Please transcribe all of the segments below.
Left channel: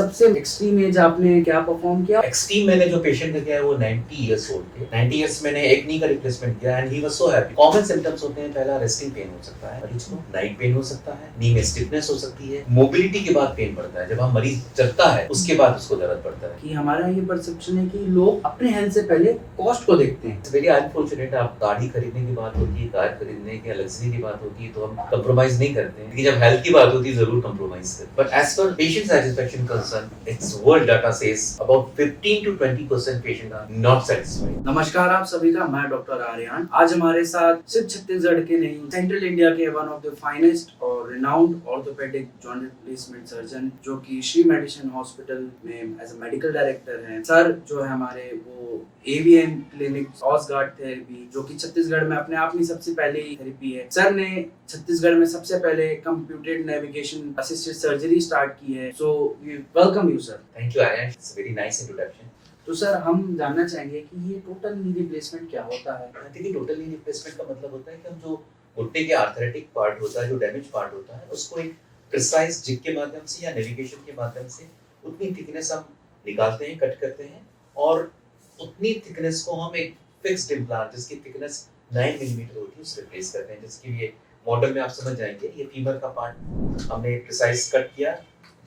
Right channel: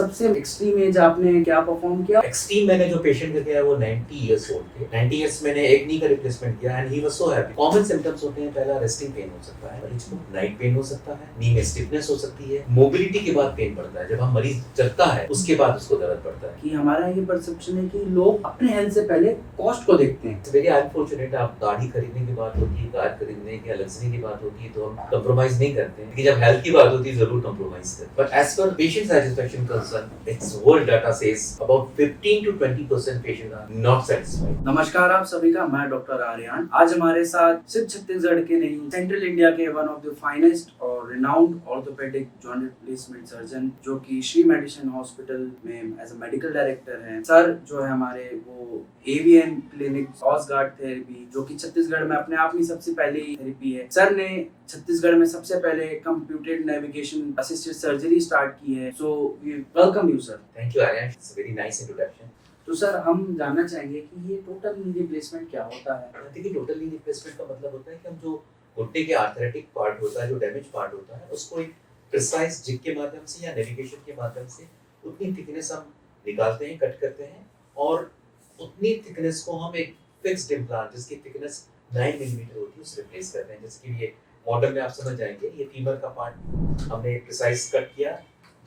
सबसे extreme as आपने क्या परफॉर्म किया? एक्सट्रीम मैंने जो पेशेंट देखे हैं वो 90 इयर्स ओल्ड थे। 90 इयर्स मैंने एक नी का रिप्लेसमेंट किया and he was so happy. Common symptoms होते हैं, पहला रेस्टिंग पेन हो सकता है मरीज को, नाइट पेन हो सकता है, नी में स्टिफनेस हो सकती है, मोबिलिटी के बाद पेन पड़ता है, जब हम मरीज चलता है उसके बाद उसको दर्द पड़ता है। कि हमारा ये परसेप्शन है कि लोग अपने हेल्थ से पहले कॉस्ट को देखते हैं। It's very unfortunate. आप गाड़ी खरीदने की बात होती है, कार खरीदने की लग्जरी की बात होती है तो हम कंप्रोमाइज नहीं करते हैं, लेकिन जब हेल्थ की बात होती है जरूर कंप्रोमाइज करते हैं। But as per patient satisfaction concern, it's world data says about 15 to 20% patient are not satisfied. नमस्कार आप सभी का, मैं डॉक्टर आर्यन। आज हमारे साथ सिर्फ छत्तीसगढ़ के नहीं, सेंट्रल इंडिया के वन ऑफ द फाइनेस्ट और renowned orthopaedic joint replacement surgeon जो कि श्री मेडिसिन हॉस्पिटल में एज अ मेडिकल डायरेक्टर हैं। सर जो है हमारे वो एवीएन क्लिनिक ऑसगार्ड थेरेपी जो कि छत्तीसगढ़ में अपने आप में सबसे पहले थेरेपी है। सर ने छत्तीसगढ़ में सबसे पहले computed navigation assisted surgery start की है। So we welcome you sir. Thank you Aryan, it's very nice introduction. तो सर हम जानना चाहेंगे कि ये टोटल नी रिप्लेसमेंट क्या होता है? देखिए, टोटल नी रिप्लेसमेंट का मतलब होता है कि हम जो घुटने के आर्थराइटिक पार्ट होता है, जो डैमेज पार्ट होता है, उसको एक प्रिसाइज जिग के माध्यम से या नेविगेशन के माध्यम से उतनी थिकनेस हम निकालते हैं, कट करते हैं और उतनी थिकनेस को हम एक फिक्स्ड इम्प्लांट जिसकी थिकनेस 9 मिलीमीटर होती है उससे रिप्लेस करते हैं। जैसे कि ये मॉडल में आप समझ जाएंगे, ये फीमर का पार्ट हमने प्रिसाइज कट किया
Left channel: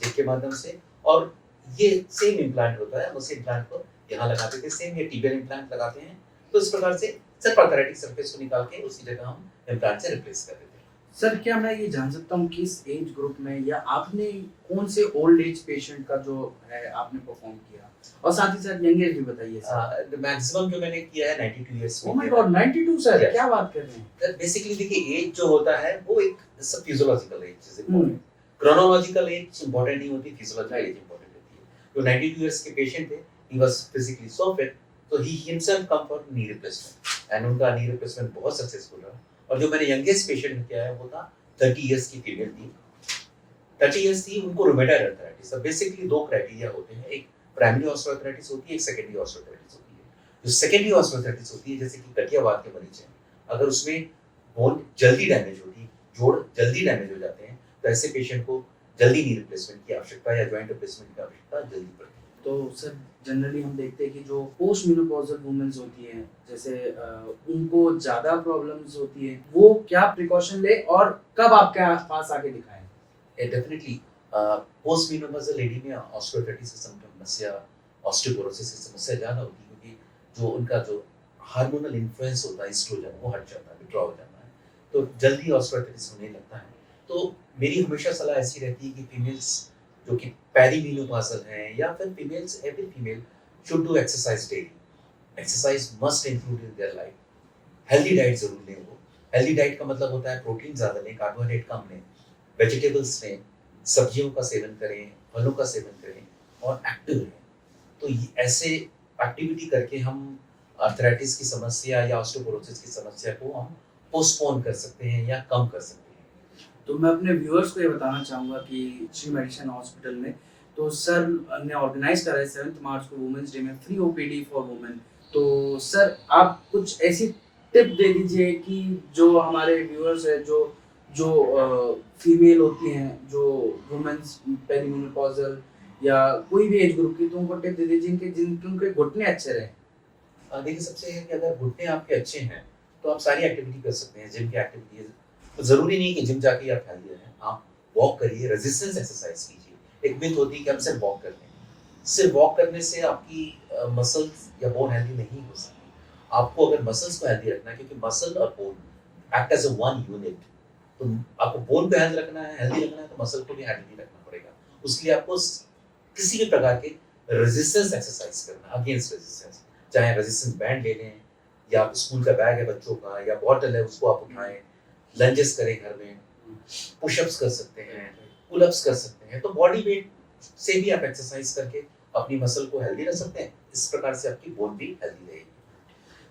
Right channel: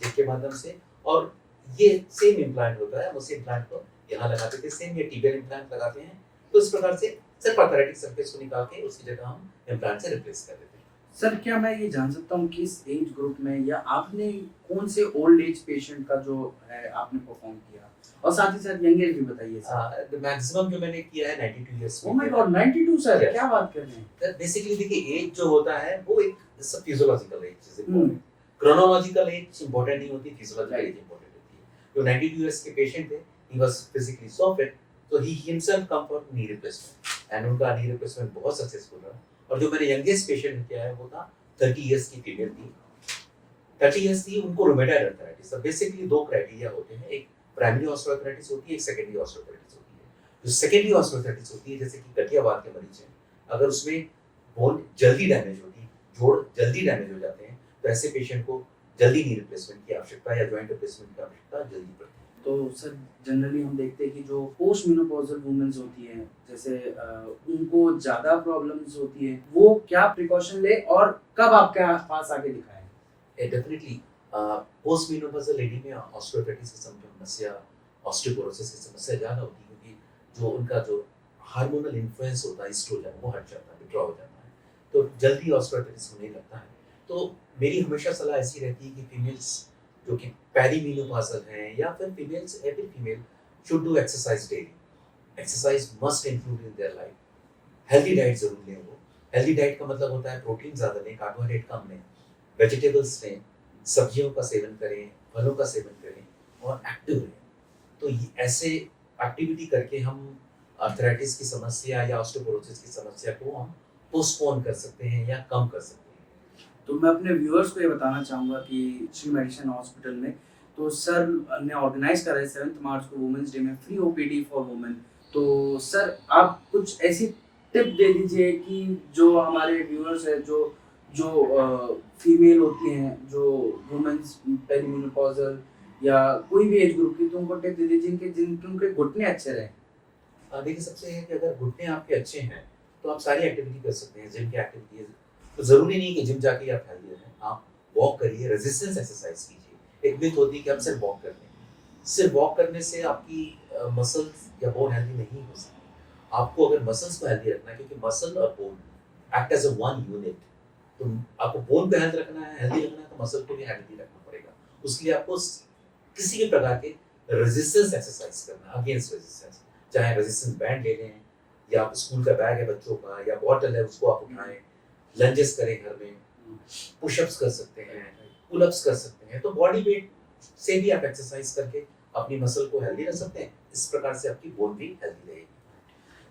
जिग के माध्यम से और ये सेम इम्प्लांट होता है, हम उसी इम्प्लांट को यहाँ लगाते थे। सेम ये टिबियल इम्प्लांट लगाते हैं तो इस प्रकार से सिर्फ आर्थराइटिक सरफेस को निकाल के उसकी जगह हम इम्प्लांट से रिप्लेस कर देते हैं। सर क्या मैं ये जान सकता हूँ किस एज ग्रुप में या आपने कौन से ओल्ड एज पेशेंट का जो है आपने परफॉर्म किया, और साथ ही साथ यंग एज भी बताइए सर। मैक्सिमम जो मैंने किया है 92 इयर्स में। Oh my God, 92 sir, Yes. क्या बात कर रहे हैं? बेसिकली देखिए, एज जो होता है वो एक physiological age is important. Chronological age important नहीं होती, फिजियोलॉजिकल एज इंपॉर्टेंट होती है। जो 92 इयर्स के पेशेंट थे, he was physically so fit, तो he himself come for knee replacement and उनका नी रिप्लेसमेंट बहुत सक्सेसफुल रहा। और जो मैंने यंगेस्ट पेशेंट किया है वो था 30 इयर्स की फीमेल थी। 30 इयर्स थी, उनको रूमेटॉइड अर्थराइटिस। तो बेसिकली दो क्राइटेरिया होते हैं, एक प्राइमरी ऑस्टियोआर्थराइटिस होती है, एक सेकेंडरी ऑस्टियोआर्थराइटिस होती है। जो सेकेंडरी ऑस्टियोआर्थराइटिस होती है, जैसे कि गठियावाद के मरीज हैं, अगर उसमें बोन जल्दी डैमेज होती है, जोड़ जल्दी डैमेज हो जाते हैं, तो ऐसे पेशेंट को जल्दी नी रिप्लेसमेंट की आवश्यकता या जॉइंट रिप्लेसमेंट की आवश्यकता जल्दी पड़ती है। तो सर जनरली हम देखते हैं कि जो पोस्ट मेनोपॉजल वुमेन्स होती हैं, जैसे उनको ज्यादा प्रॉब्लम्स होती है, वो क्या प्रिकॉशन ले और कब आपके पास आके दिखाएं? डेफिनेटली पोस्ट मेनोपॉजल लेडी में ऑस्टियोआर्थराइटिस की समस्या, ऑस्टियोपोरोसिस की समस्या ज़्यादा होती है, क्योंकि जो उनका जो हार्मोनल इन्फ्लुएंस होता है एस्ट्रोजन, वो हट जाता है, विथड्रॉ हो जाता है, तो जल्दी ऑस्टियोआर्थराइटिस होने लगता है। तो मेरी हमेशा सलाह ऐसी रहती है कि फीमेल्स जो कि पेरीमेनोपॉजल हैं या फिर females, every female should do exercise daily. Exercise must include in their life. Healthy diet जरूर लें वो। हेल्दी डाइट का मतलब होता है प्रोटीन ज़्यादा लें, कार्बोहाइड्रेट कम लें, वेजिटेबल्स लें, सब्जियों का सेवन करें, फलों का सेवन करें और एक्टिव रहें। तो ऐसे एक्टिविटी करके हम आर्थराइटिस की समस्या या ऑस्टियोपोरोसिस की समस्या को हम पोस्टपोन कर सकते हैं या कम कर सकते हैं। तो मैं अपने व्यूअर्स को ये बताना चाहूँगा कि श्री मेडिसिन हॉस्पिटल में तो सर ने ऑर्गेनाइज करा है 7 मार्च को वुमेन्स डे में फ्री ओपीडी फॉर वुमेन। तो सर आप कुछ ऐसी टिप दे दीजिए कि जो हमारे व्यूअर्स है, जो जो फीमेल होती हैं, जो वुमेन्स पेरीमेनोपॉजल या कोई भी एज ग्रुप की, तो उनको टिप दे दीजिए कि जिनके उनके घुटने अच्छे रहें। देखिए, सबसे है कि अगर घुटने आपके अच्छे हैं तो आप सारी एक्टिविटी कर सकते हैं। जिम की एक्टिविटी तो ज़रूरी नहीं कि जिम जाके आप हेल्दी रहें, आप वॉक करिए, रेजिस्टेंस एक्सरसाइज कीजिए। एक मिथ होती है कि हम सिर्फ वॉक करते हैं। सिर्फ वॉक करने से आपकी मसल्स या बोन हेल्दी नहीं हो सकती। आपको अगर मसल्स को हेल्दी रखना है, क्योंकि मसल और bone act as a one unit, तो आपको बोन को हेल्दी रखना है, तो मसल को भी हेल्दी रखना पड़ेगा। उसके लिए आपको किसी भी प्रकार के रेजिस्टेंस एक्सरसाइज करना, अगेंस्ट रेजिस्टेंस, चाहे रेजिस्टेंस बैंड ले लें या स्कूल का बैग है बच्चों का या बॉटल है उसको आप उठाएं, लंजेस करें घर में, पुशअप्स कर सकते हैं, पुलअप्स कर सकते हैं। तो बॉडी वेट से भी आप एक्सरसाइज करके अपनी मसल को हेल्दी रख सकते हैं। इस प्रकार से आपकी बोन भी हेल्दी रहेगी।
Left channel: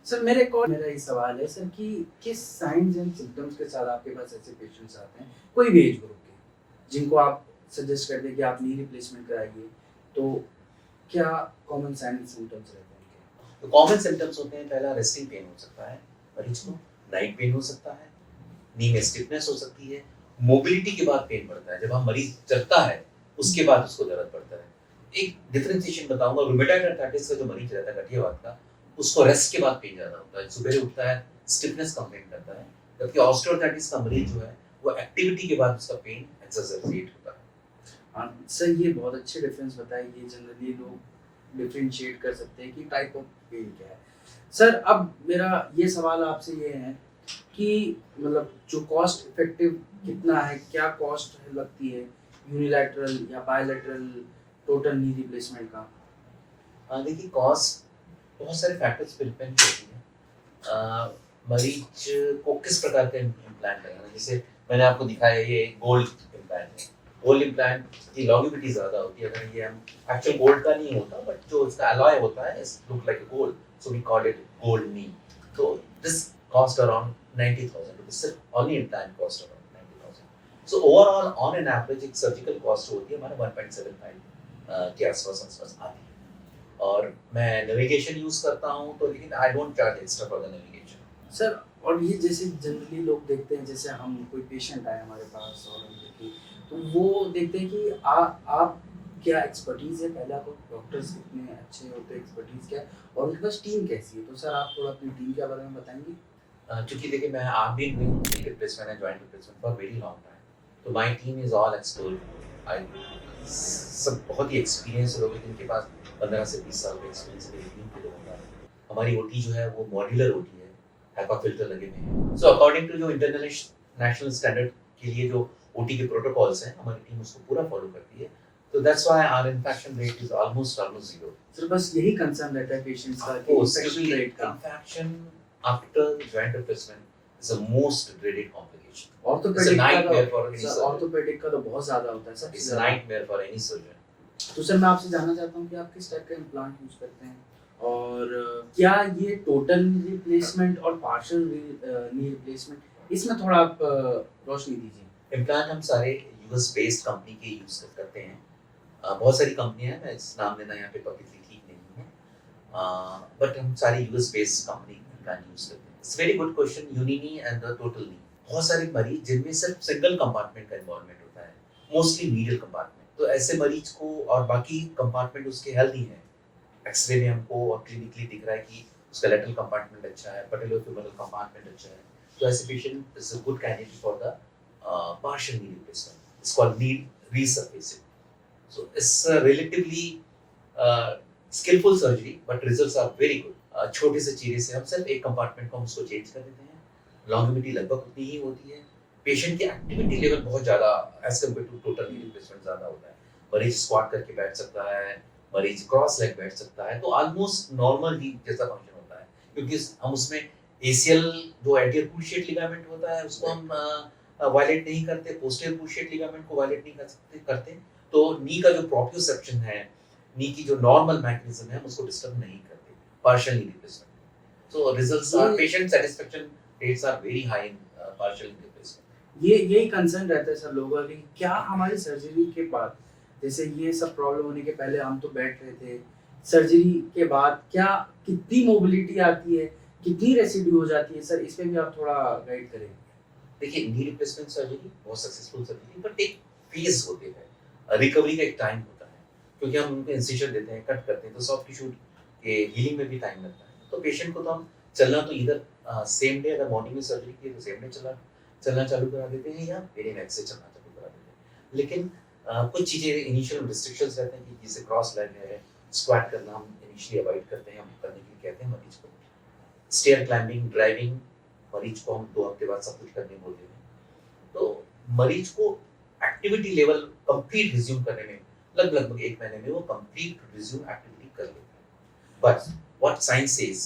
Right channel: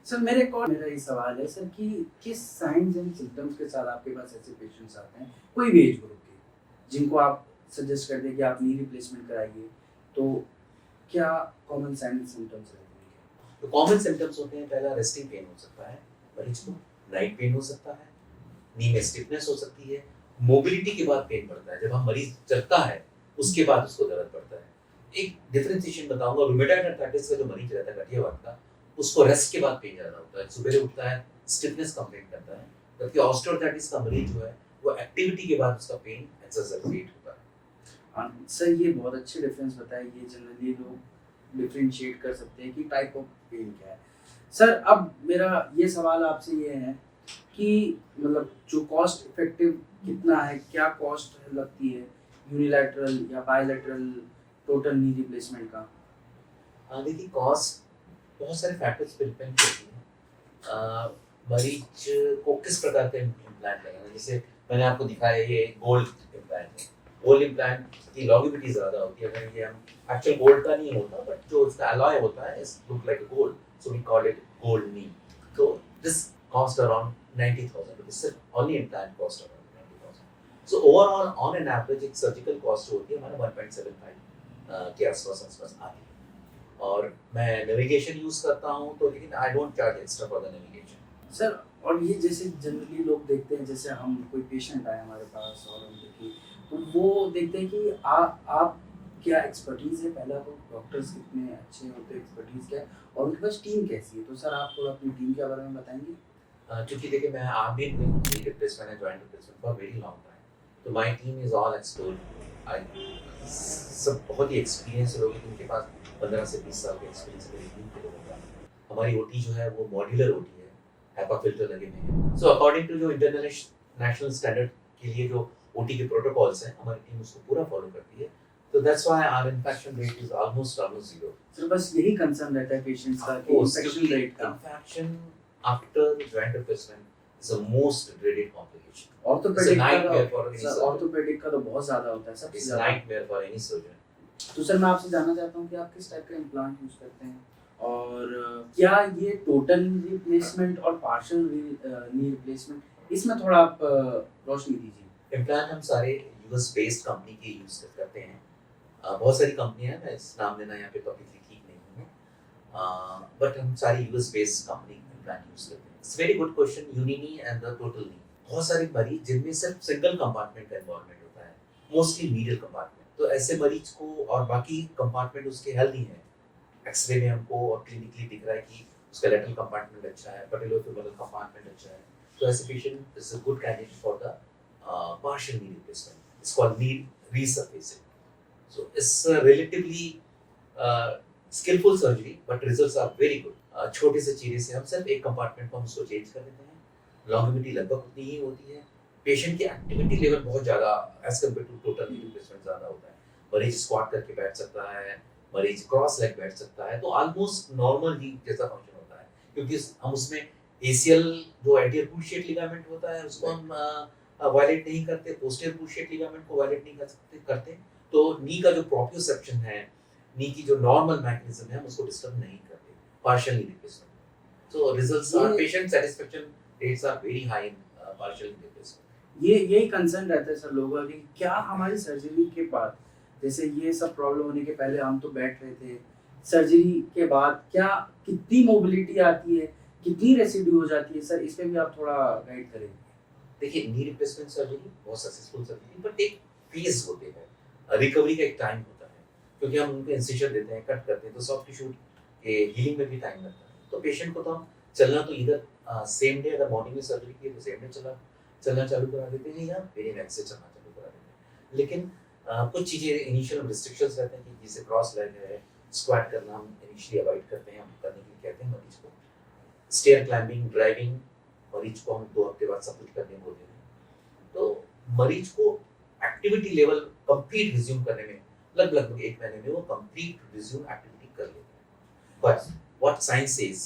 सर मेरा ये सवाल है सर कि किस साइंस एंड सिम्टम्स के साथ आपके पास ऐसे पेशेंट्स आते हैं, कोई भी एज ग्रुप के, जिनको आप सजेस्ट कर दें कि आप नी रिप्लेसमेंट कराइए, तो क्या कॉमन साइन एंड सिम्टम्स रहते हैं? तो कॉमन सिम्टम्स होते हैं, पहला रेस्टिंग पेन हो सकता है मरीज को, नाइट पेन हो सकता है, नी में स्टिफनेस हो सकती है, मोबिलिटी के बाद पेन पड़ता है, जब हम मरीज चलता है उसके बाद उसको दर्द पड़ता है। एक डिफरेंशिएशन बताऊंगा, रूमेटॉइड अर्थराइटिस का जो मरीज रहता है गठियावाद का, उसको रेस्ट के बाद पेन ज्यादा होता है, सुबह उठता है स्टिफनेस कंप्लेन करता है, जबकि ऑस्टियोआर्थराइटिस का मरीज जो है वो एक्टिविटी के बाद उसका पेन एक्सरसाइज होता है। सर ये बहुत अच्छे डिफरेंस बताए, ये जनरली लोग डिफरेंशिएट कर सकते हैं कि टाइप ऑफ पेन क्या है। सर अब मेरा ये सवाल आपसे ये है कि मतलब जो कॉस्ट इफेक्टिव कितना है, क्या कॉस्ट लगती है यूनिलैटरल या बायलैटरल टोटल नी रिप्लेसमेंट का? देखिए कॉस्ट बहुत सारे फैक्टर्स पे डिपेंड करती है। मरीज को किस प्रकार का इम्प्लांट करना है, जैसे मैंने आपको दिखाया ये गोल्ड इम्प्लांट है, गोल्ड इम्प्लांट की लॉन्गेविटी ज़्यादा होती है। अगर ये हम एक्चुअल गोल्ड का नहीं होता, बट जो इसका अलॉय होता है इस look like a gold, so we call it gold knee. तो दिस कॉस्ट अराउंड 90,000 रुपीज, सिर्फ only implant cost around 90,000। So overall on an average एक सर्जिकल कॉस्ट होती है हमारा 1.75 के आसपास आती है। और मैं नेविगेशन यूज करता हूँ, तो लेकिन I don't charge extra for the navigation. Sir और ये जैसे जनरली लोग देखते हैं, जैसे हम कोई पेशेंट आए हमारे पास और हम देखिए तो वो देखते हैं कि आप क्या एक्सपर्टीज़ है, पहला तो डॉक्टर्स कितने अच्छे होते हैं, एक्सपर्टीज़ क्या है और उनके पास टीम कैसी है। तो सर आप थोड़ा अपनी टीम के बारे में बताएंगे? क्योंकि देखिए मैं आप भी doing knee replacement and joint replacement for very long time, तो my team is all expert. I सब बहुत ही एक्सपीरियंस लोग हैं जिनके पास 15 से 20 साल का एक्सपीरियंस मेरी टीम के लोगों का है। हमारी ओटी जो है वो मॉड्यूलर ओटी है, हैपा फिल्टर लगे हुए हैं। सो अकॉर्डिंग टू जो इंटरनेशनल नेशनल स्टैंडर्ड के लिए जो ओटी के प्रोटोकॉल्स हैं, हमारी टीम उसको पूरा फॉलो करती है। तो that's why our infection rate is almost zero. Sir बस यही कंसर्न रहता है पेशेंट्स का कि इन्फेक्शन रेट का। Infection after joint replacement is the most dreaded complication. Orthopedic nightmare for any का surgeon. ऑर्थोपेडिक का तो बहुत ज़्यादा होता है सबसे It's a ज़्यादा। nightmare for any surgeon. तो सर मैं आपसे जानना चाहता हूँ कि आप किस टाइप का इम्प्लांट यूज़ करते हैं और क्या ये टोटल रिप्लेसमेंट और पार्शियल नी रिप्लेसमेंट, इसमें थोड़ा आप रोशनी दीजिए। इम्प्लांट हम सारे यूएस बेस्ड कंपनी के यूज करते हैं। बहुत सारी कंपनियां हैं, मैं इस नाम लेना यहाँ पे पब्लिकली ठीक नहीं है, बट हम सारी US based company implant use करते हैं। It's very good question, uni knee and the total knee. बहुत सारे मरीज जिनमें सिर्फ सिंगल कंपार्टमेंट का इन्वॉल्वमेंट होता है, मोस्टली मीडियल कंपार्टमेंट, तो ऐसे मरीज को और बाकी कंपार्टमेंट उसके हेल्दी हैं, एक्सरे में हमको और क्लिनिकली दिख रहा है कि उसका लेटरल कंपार्टमेंट अच्छा है, पैटेलोफेमोरल कंपार्टमेंट अच्छा है, तो ऐसे patient is a good candidate for the partial knee replacement. It's called knee resurfacing. So it's a relatively skillful surgery, but results are very good. छोटे से चीरे से हम सिर्फ एक कंपार्टमेंट को हम उसको चेंज कर देते हैं, लॉन्गेविटी लगभग उतनी ही होती है, पेशेंट की एक्टिविटी लेवल बहुत ज़्यादा as compare to total knee replacement ज़्यादा होता है। मरीज स्क्वाट करके बैठ सकता है, मरीज क्रॉस लेग बैठ सकता है, तो ऑलमोस्ट नॉर्मल नी जैसा फंक्शन होता है, क्योंकि हम उसमें एसीएल जो एंटीरियर क्रूशिएट लिगामेंट होता है उसको हम वायलेट नहीं करते, पोस्टीरियर क्रूशिएट लिगामेंट को वायलेट नहीं करते, तो नी का जो प्रोप्रियोसेप्शन है, नी की जो नॉर्मल मैकेनिज्म है, हम उसको डिस्टर्ब नहीं करते partial knee replacement. So results are, patient satisfaction rates are very high in partial knee replacement. यही कंसर्न रहता है सर लोगों का कि क्या हमारी सर्जरी के बाद, जैसे ये सब प्रॉब्लम होने के पहले हम तो बैठ रहे थे, सर्जरी के बाद क्या कितनी मोबिलिटी आती है, कितनी रेसिड्यू हो जाती है? सर इस पे भी आप थोड़ा गाइड करें। देखिए नी रिप्लेसमेंट सर्जरी बहुत सक्सेसफुल सर्जरी, बट एक फेज होते हैं, रिकवरी का एक टाइम होता है, क्योंकि हम उनको इंसिजन देते हैं, कट करते हैं, तो सॉफ्ट टिश्यू के हीलिंग में भी टाइम लगता है। तो पेशेंट को तो हम चलना तो इधर सेम डे, अगर मॉर्निंग में सर्जरी की है तो सेम डे चलना चालू करा देते हैं, या वेरी नेक्स्ट से चलना चालू करा देते हैं। लेकिन कुछ चीज़ें इनिशियल रिस्ट्रिक्शंस रहते हैं, कि जैसे क्रॉस लेग है, स्क्वाट करना हम इनिशियली अवॉइड करते हैं, हम करने के लिए कहते हैं मरीज को। स्टेयर क्लाइंबिंग, ड्राइविंग, मरीज को हम 2 हफ्ते बाद सब कुछ करने बोलते हैं। तो मरीज को एक्टिविटी लेवल कंप्लीट रिज्यूम करने में लगभग 1 महीने में वो कंप्लीट रिज्यूम एक्टिविटी कर लेते हैं। But what science says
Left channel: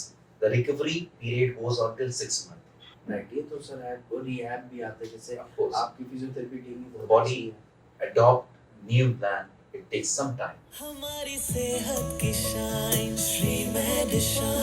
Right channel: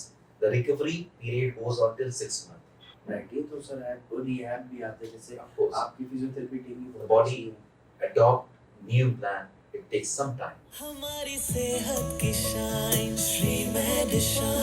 the recovery period goes on till 6 month. Right, ये तो सर है, रिहैब भी आते हैं, जैसे ऑफ कोर्स आपकी फिजियोथेरेपी टीम भी बहुत बॉडी अच्छी है। Adopt new plan, it takes some time. हमारी सेहत की शाइन श्री मेडिशाइन।